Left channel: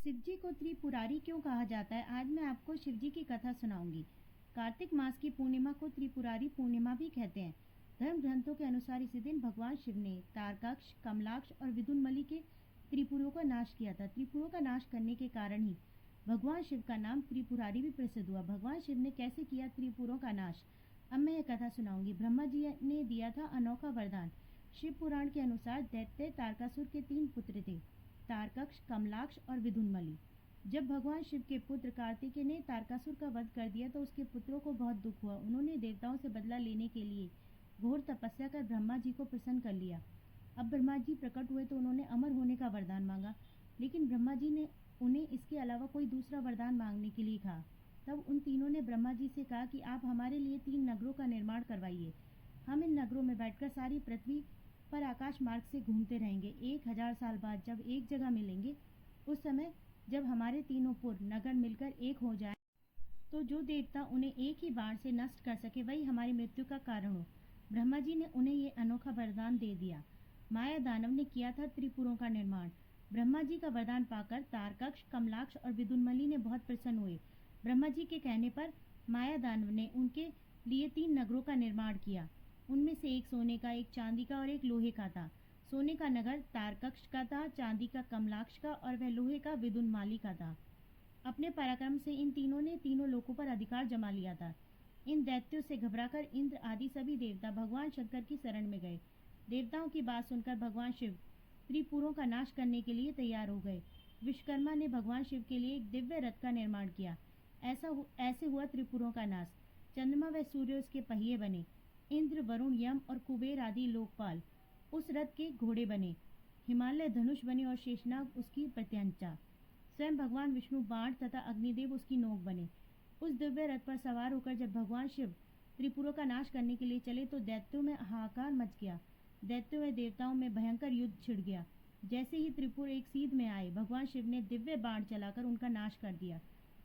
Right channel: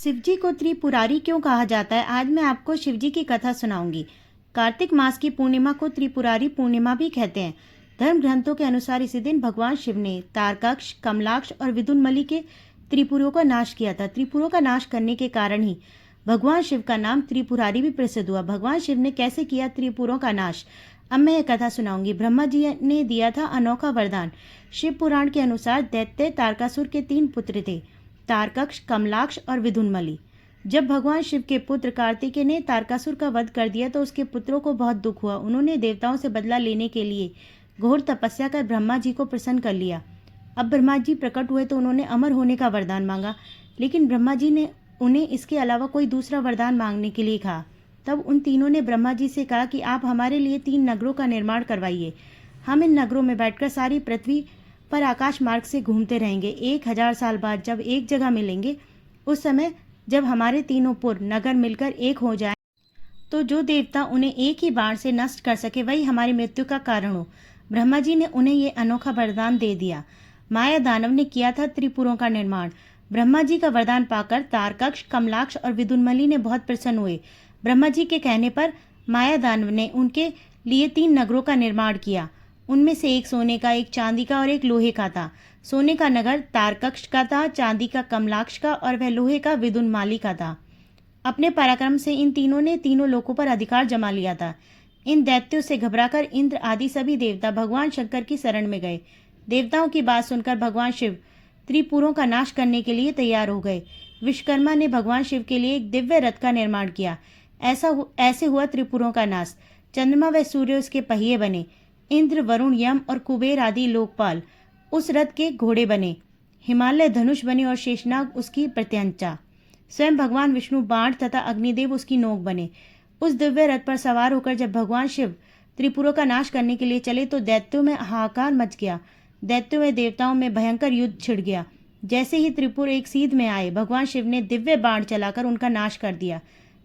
शिवजी को त्रिपुरारी क्यों कहा जाता है? आज मैं आपको शिवजी की कथा सुनाऊंगी। कार्तिक मास की पूर्णिमा को त्रिपुरारी पूर्णिमा भी कहते हैं। धर्म ग्रंथों के अनुसार इसी दिन भगवान शिव ने तारकाक्ष, कमलाक्ष और विदुनमली के त्रिपुरों का नाश किया था। त्रिपुरों का नाश करने के कारण ही भगवान शिव का नाम त्रिपुरारी भी प्रसिद्ध हुआ। भगवान शिव ने कैसे किया त्रिपुरों का नाश, अब मैं यह कथा सुनाऊंगी। ब्रह्मा जी ने दिया था अनोखा वरदान। शिव पुराण के अनुसार दैत्य तारकासुर के 3 पुत्र थे, तारकक्ष, कमलाक्ष और विदुनमली। जब भगवान शिव के पुत्र कार्तिकेय ने तारकासुर का वध कर दिया तो उसके पुत्रों को बहुत दुख हुआ। उन्होंने देवताओं से बदला लेने के लिए घोर तपस्या कर ब्रह्मा जी को प्रसन्न कर लिया। अब ब्रह्मा जी प्रकट हुए तो उन्होंने अमर होने का वरदान मांगा, लेकिन ब्रह्मा जी ने उन्हें इसके अलावा कोई दूसरा वरदान मांगने के लिए कहा। तब उन तीनों ने ब्रह्मा जी से कहा कि आप हमारे लिए 3 नगरों का निर्माण करवाइए। हम इन नगरों में बैठकर सारी पृथ्वी पर आकाश मार्ग से घूमते रहेंगे। 1000 साल बाद जब एक जगह मिलेंगे, उस समय जब हमारे तीनों पुर नगर मिलकर एक हो जाए तो जो देवता उन्हें एक ही बाण से नष्ट कर सके वही हमारी मृत्यु का कारण हो। ब्रह्मा जी ने उन्हें ये अनोखा वरदान दे दिया। माया दानव ने किया था त्रिपुरों का निर्माण। ब्रह्मा जी का वरदान पाकर तारकक्ष, कमलाक्ष और विदुनमली ने बहुत प्रसन्न हुए। ब्रह्मा जी के कहने पर माया दानव ने उनके लिए 3 नगरों का निर्माण किया। उनमें से एक सोने का, एक चांदी का और एक लोहे का था। सोने का नगर तारकक्ष का था, चांदी का कमलाक्ष का और वह लोहे का विदुनमाली का था। अपने पराक्रम से इन तीनों ने तीनों लोकों पर अधिकार जमा लिया था। इन दैत्यों से घबराकर इंद्र आदि सभी देवता भगवान शंकर की शरण में गए। देवताओं की बात सुनकर भगवान शिव त्रिपुरों का नाश करने के लिए तैयार हो गए। विश्वकर्मा ने भगवान शिव के लिए एक दिव्य रथ का निर्माण किया। ऐसे हुआ त्रिपुरों का नाश। चंद्रमा व सूर्य उसके पहिए बने। इंद्र, वरुण, यम और कुबेर आदि लोकपाल उस रथ के घोड़े बने। हिमालय धनुष बने और शेषनाग उसकी प्रत्यंचा। स्वयं भगवान विष्णु बाण तथा अग्निदेव उसकी नोक बने। उस दिव्य रथ पर सवार होकर जब भगवान शिव त्रिपुरों का नाश करने के लिए चले तो दैत्यों में हाहाकार मच गया। दैत्यों में देवताओं में भयंकर युद्ध छिड़ गया। जैसे ही त्रिपुर एक सीध में आए, भगवान शिव ने दिव्य बाण चलाकर उनका नाश कर दिया।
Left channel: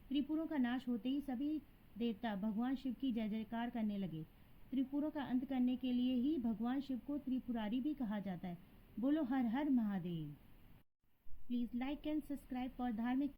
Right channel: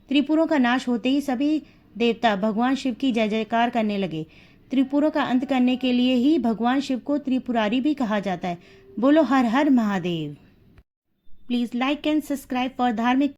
त्रिपुरों का नाश होते ही सभी देवता भगवान शिव की जय जयकार करने लगे। त्रिपुरों का अंत करने के लिए ही भगवान शिव को त्रिपुरारी भी कहा जाता है। बोलो हर हर Mahadev. Please like and subscribe for धार्मिक